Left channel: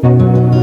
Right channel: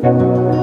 thank mm -hmm. you